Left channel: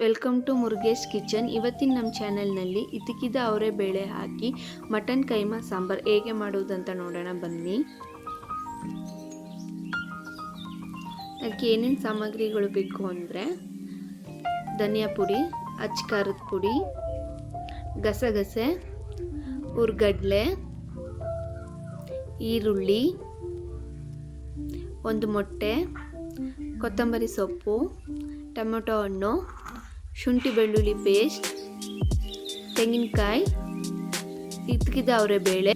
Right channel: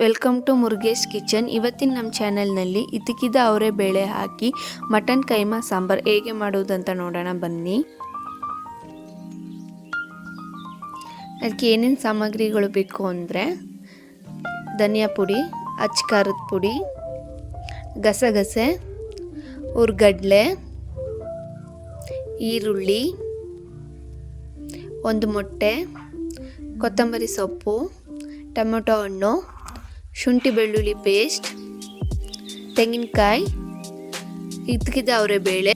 Welcome to Murugesh kitchen. ಇವತ್ತಿನ ನಮ್ಮ ಚಾನಲ್ನಲ್ಲಿ ಇದ್ದಕ್ಕಿದ್ದ ಅವರೇ ಬೇಳೆ ಹಾಕಿ, ಮಟನ್, ಕೈಮಾ, ಸಾಂಬಾರು ಹೇಗೆ ಮಾಡುವುದಂತ ನೋಡೋಣ, ಬನ್ನಿ. ಅದಕ್ಕೆ ಏನೇನು ಸಾಮಗ್ರಿಗಳು ಬೇಕು ಅಂದರೆ, ಧನಿಯಾ ಪುಡಿ, ಅಚ್ಚ ಖಾರದ ಪುಡಿ, ಗಸಗಸೆ, ಉರ್ಗಡ್ಲೆ, ಈರುಳ್ಳಿ, ಒಂದು ಮೊಟ್ಟೆ, ಕೊತ್ತಂಬರಿ ಸೊಪ್ಪು, ಟೊಮೊಟೊ ಹಣ್ಣು. ಶುಂಠಿ ಬೆಳ್ಳುಳ್ಳಿ ಪೇಸ್ಟ್ ತೆಂಗಿನಕಾಯಿ ಇದ್ದಕ್ಕಿದ್ದ ಅವರೇ ಬೇಳೆ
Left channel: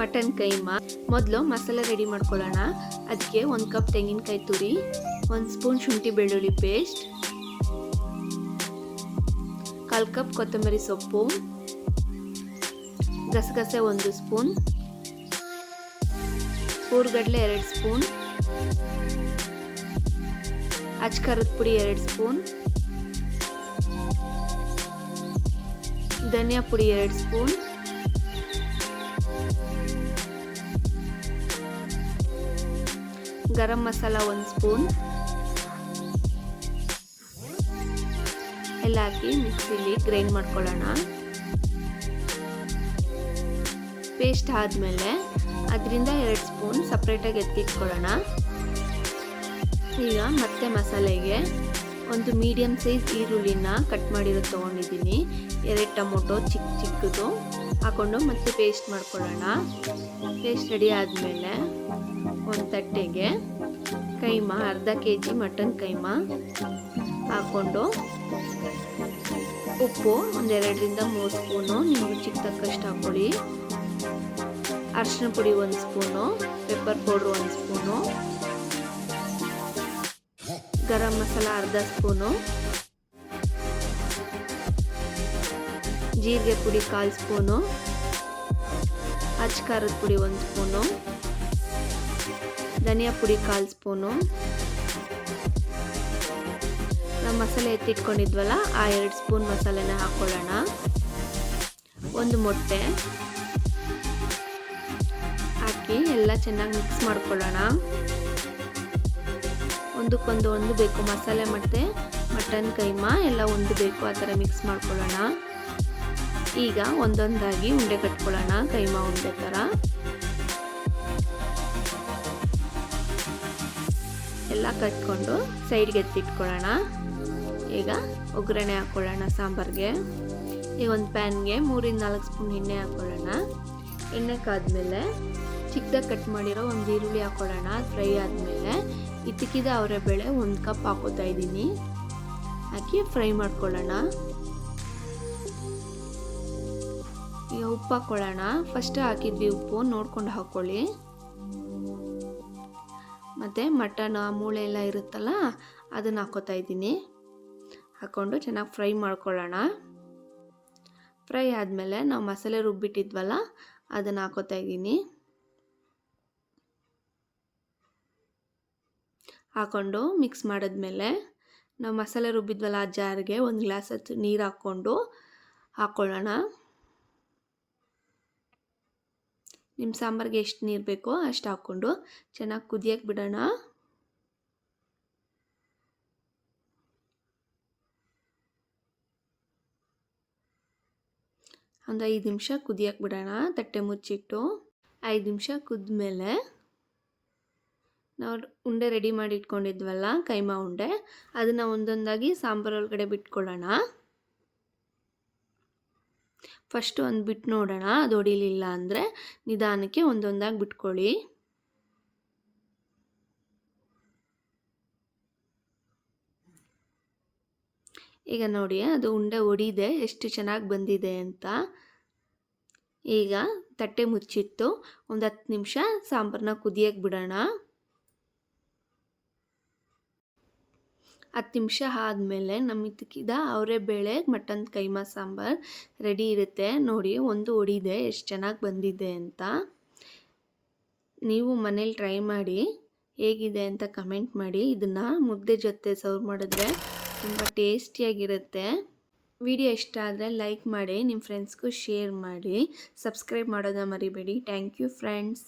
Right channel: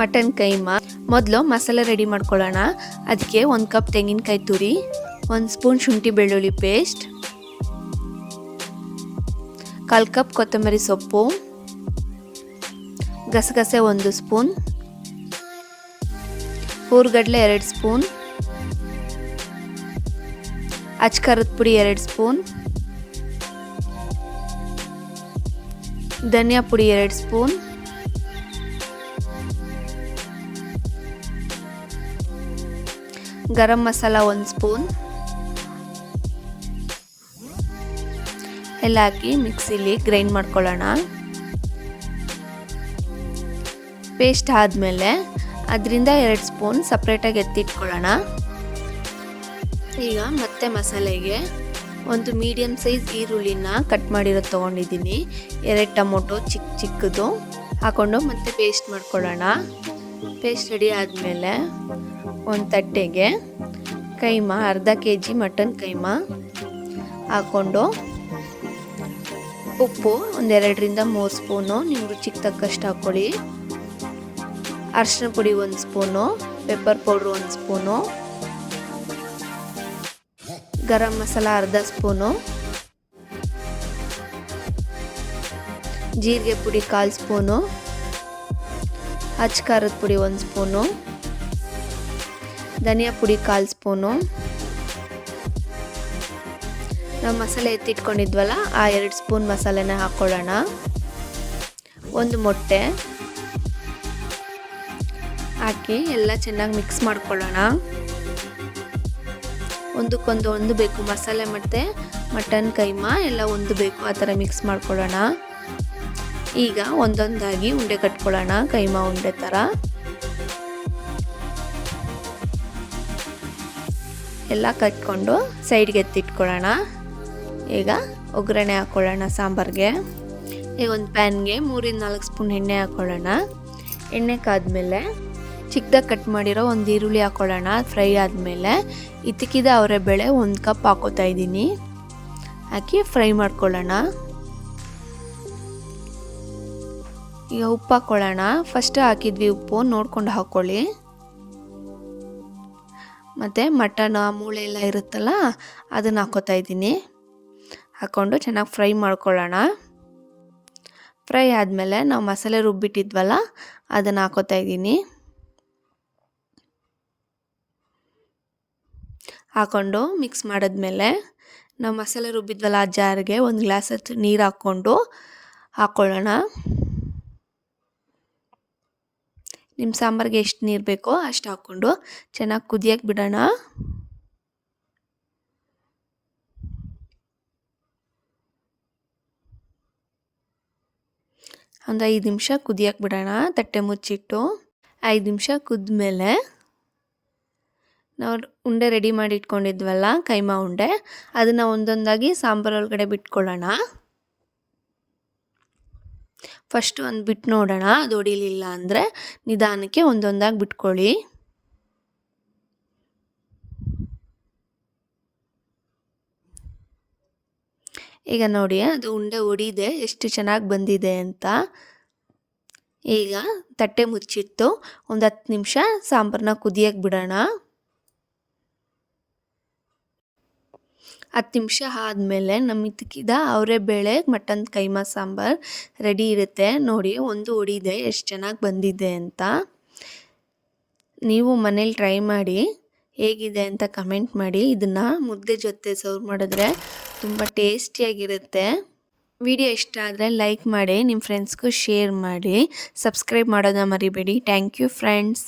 ಮಟನ್ ಕೈಮಾ. ಮೊದಲು ಮಸಾಲೆ ರೆಡಿ ಮಾಡ್ಕೊಳ್ಳೋಣ. ಅದಕ್ಕೆ ಒಂದು ಕಪ್ ತೆಂಗಿನಕಾಯಿ ತುರಿ, ಒಂದು ಸ್ಪೂನ್ ಶುಂಠಿ ಬೆಳ್ಳುಳ್ಳಿ ಪೇಸ್ಟ್ ಕಾಲು ಕಪ್ ಕೊತ್ತಂಬರಿ ಸೊಪ್ಪು, ಗಸಗಸೆ ಒಂದು ಸ್ಪೂನ್ ಊರುಗಡ್ಲೆ ಎರಡು ಸ್ಪೂನ್ ಅಚ್ಕರದ ಪುಡಿ ಎರಡು ಸ್ಪೂನ್ ಧನಿಯಾ ಪುಡಿ ಎರಡು ಸ್ಪೂನ್. ಗರಂ ಮಸಾಲ ಒಂದು ಸ್ಪೂನ್. ಎಲ್ಲ ಹಾಕಿ ಮಿಕ್ಸಿಲಿ ಗ್ರೈಂಡ್ ಮಾಡ್ಕೊಳ್ಳೋಣ. ಪೇಸ್ಟ್ ಆದಮೇಲೆ ಅದರಿಂದ ಎರಡು ಸ್ಪೂನ್ ಸಪ್ರೇಟಾಗಿ ಎತ್ತಿಟ್ಕೊಳ್ಳೋಣ. ಈಗ ಮತ್ತೆ ಮಸಾಲೆಗೆ ಒಂದು ಮೀಡಿಯಮ್ ಸೈಜ್ ಈರುಳ್ಳಿನ ಕಟ್ ಮಾಡಿರೋದು ತೊಗೊಂಡಿದ್ದೀನಿ. ಎರಡು ಟೊಮೊಟೊ ಚಿಕ್ಕ ಚಿಕ್ಕದು ಹಾಕ್ಕೊಂಡು ಮತ್ತೆ ಪೇಸ್ಟ್ ಮಾಡ್ಕೊಳ್ಳೋಣ. ಪೇಸ್ಟ್ ರೆಡಿ ಆದಮೇಲೆ ಒಂದು ತಟ್ಟೆಗೆ ಕೈಮಾ, ಅರ್ಧ ಕೆ ಜಿ ಮಟನ್ ಕೈಮಾ ಹಾಕ್ಕೊಂಡು ಉಪ್ಪು ಒಂದೆರಡರಿಂದ ಮೂರು ಸ್ಪೂನು ನೀವು ರುಚಿಗೆ ತಕ್ಕಷ್ಟು ಹಾಕ್ಕೊಳ್ಳಿ. ಅರಿಶಿನ ಪುಡಿ ಒಂದು ಸ್ಪೂನು ಪೆಪ್ಪರ್ ಪೌಡ್ರ್ ಒಂದು ಸ್ಪೂನು. ಗರಂ ಮಸಾಲ ಅರ್ಧ ಸ್ಪೂನು ಜೀರಿಗೆ ಪುಡಿ ಕಾಲು ಸ್ಪೂನು ಖಾರದ ಪುಡಿ ಒಂದು ಸ್ಪೂನು ಧನಿಯಾ ಪುಡಿ ಕಾಲು ಸ್ಪೂನು ನಾವು ಮಸಾಲೆ ಎತ್ತಿಟ್ಕೊಂಡಿದ್ವಲ್ಲ, ಆ ಎರಡು ಸ್ಪೂನ್ ಮಸಾಲೆನ ಹಾಕ್ಕೊಳ್ಳೋಣ ಒಂದು ಮೊಟ್ಟೆ. ಹಾಕಿ ಎಲ್ಲ ಚೆನ್ನಾಗಿ ಮಿಕ್ಸ್ ಮಾಡ್ಕೊಳ್ಳೋಣ. ಒಂದಕ್ಕೊಂದು ಒಂದು ಬೇಕು ಮಸಾಲೆ ಮತ್ತು ಮಟನ್, ಕೈಮಾ ಎಲ್ಲ ಒಂದು ಬೇಕು ಆ ಥರ ಮಿಕ್ಸ್ ಮಾಡ್ಕೊಳ್ಳೋಣ. ಈಗ ಒಂದೊಂದಾಗಿ ಉಂಡೆ ಕಟ್ಕೊಳ್ಳೋಣ, ಕೈಮಾ ಉಂಡೆ ಥರ. ಎಲ್ಲ ಕಟ್ಕೊಂಡು ಸೈಡ್ಗೆ ಎತ್ತಿಟ್ಕೊಳ್ಳೋಣ. ಈಗ ಒಗ್ಗರಣೆ ಹಾಕ್ಕೊಳ್ಳೋಣ ಸಾಂಬಾರಿಗೆ. ಈಗ ಒಂದು ಪ್ಯಾನ್ಗೆ ಮೂರಿಂದ ನಾಲ್ಕು ಸ್ಪೂನ್ ಎಣ್ಣೆ ಹಾಕ್ಕೊಳ್ಳೋಣ ಎಣ್ಣೆ ಕಾದ್ಮೇಲೆ ಚಿಕ್ಕದಾಗಿ ಕಟ್ ಮಾಡಿರೋ ಒಂದು ಈರುಳ್ಳಿ ಹಾಕ್ಕೊಳ್ಳೋಣ ಫ್ರೈ ಆದಮೇಲೆ. ಇದ್ದಕ್ಕಿದ ಅವರೆ ಬೇಳೆ ಒಂದು ಕಪ್ ಹಾಕೋತಾ ಇದ್ದೀನಿ. ಹಾಕಿ ಫ್ರೈ ಮಾಡ್ಕೊಳ್ಳೋಣ. ಈಗ ಉಪ್ಪು ಹಾಕ್ಕೊಳ್ಳೋಣ ಫಸ್ಟ್ ಹಾಕಿದ್ವಿ ಉಪ್ಪು, ನೋಡ್ಕೊಂಡು ಹಾಕ್ಕೊಳ್ಳಿ ಮತ್ತು ಮಟನ್, ಮೂಳೆ ಎಲ್ಲ ಇರುತ್ತಲ್ಲ, ಅದನ್ನು ಹಾಕೋತಾ ಇದ್ದೀನಿ. ಹಾಕ್ಕೊಂಡು ಚೆನ್ನಾಗಿ ಫ್ರೈ ಮಾಡ್ಕೊಳ್ಳೋಣ. ಫ್ರೈ ಆದಮೇಲೆ ನಾವು ಮಸಾಲೆ ರುಬ್ಬಿಟ್ಟಿದ್ವಲ್ಲ, ಅದನ್ನು ಹಾಕೋತಾ ಇದ್ದೀನಿ. ಹಾಕ್ಕೊಂಡು ಮಿಕ್ಸ್ ಮಾಡಿದ್ಮೇಲೆ ನಾವು ಮಸಾಲೆ ರುಬ್ಬಿದ್ವಲ್ಲ ಆ ಜಾರಿಗೆ ಒಂದು ಗ್ಲಾಸ್ ಹತ್ತು ನೀರು ಹಾಕ್ಕೊಂಡು ಹಾಕ್ಕೊಳ್ಳೋಣ ನಿಮ್ಮ ಸಾಂಬಾರಿಗೆ ಎಷ್ಟು ನೀರು ಬೇಕೋ ಅಷ್ಟು ಹಾಕ್ಕೊಂಡು ಚೆನ್ನಾಗಿ ಕುದಿಯಕ್ಕೆ ಬಿಡೋಣ. ಒಂದು ಐದು ನಿಮಿಷ ಕುದಿಯಕ್ಕೆ ಬಿಡೋಣ, ತಟ್ಟೆ ಮುಚ್ಚಿಟ್ಟು. ಐದು ನಿಮಿಷ ಕುದ್ಮೇಲೆ ನಾವು ಉಂಡೆ ರೆಡಿ ಮಾಡಿ ಇಟ್ಕೊಂಡಿದ್ವಲ್ಲ ಕೈಮಾ ಉಂಡೆ, ಅದನ್ನು ಒಂದೊಂದಾಗಿ ಸಾಂಬಾರು ಒಳಗಡೆ ಬಿಟ್ಕೊಳ್ಳೋಣ. ಫಸ್ಟು ಒಂದು ಬಿಟ್ಟು ನೋಡೋಣ, ಅದು ಹೊಡಿಲಿಲ್ಲ ಅಂದರೆ ನಿಧಾನಕ್ಕೆ ಒಂದೊಂದಾಗಿ ಬಿಟ್ಕೊಳ್ಳಿ. ಈಗ ನೋಡಿ, ಅದು ಉಂಡೆ ಒಡಿದೆ, ಎಷ್ಟು ಚೆನ್ನಾಗಿ ಬಂದಿದೆ ಅಂತ. ಈಗ ತಟ್ಟೆ ಮುಚ್ಚಿಟ್ಟು ಒಂದು ಹತ್ತು ನಿಮಿಷ ಸಾಂಬಾರನ್ನ ಕುದಿಯಕ್ಕೆ ಬಿಡೋಣ. ಹತ್ತು ನಿಮಿಷ ಆದಮೇಲೆ ನಮ್ಮ ಅವರೇ ಬೇಳೆ, ಮಟನ್, ಕೈಮಾ ಸಾಂಬಾರು ರೆಡಿ ಇರುತ್ತೆ. ನೋಡಿ, ಒಂದು ಹೊಡಿದೆ ಎಷ್ಟು ಚೆನ್ನಾಗಿ ಬಂದಿದೆ ಅಂತ. ನೀವು ಮನೇಲಿ ಟ್ರೈ ಮಾಡಿ, ಹೇಗಿದೆ ಅಂತ ಕಮೆಂಟ್ ಮಾಡಿ. ಇದನ್ನು ಮುದ್ದೆ ಜೊತೆ ಸರ್ವ್ ಮಾಡಿದ್ರೆ ತುಂಬ ಟೇಸ್ಟಿಯಾಗಿರುತ್ತೆ ವಿಡಿಯೋ ಇಷ್ಟ ಆದರೆ ಲೈಕ್ ಮಾಡಿ ನಿಮ್ಮ ಫ್ರೆಂಡ್ಸ್ಗೂ ಶೇರ್ ಮಾಡಿ. ಸಬ್ಸ್ಕ್ರೈಬ್ ಮಾಡೋದನ್ನ ಮರಿಬೇಡಿ. Thank you friends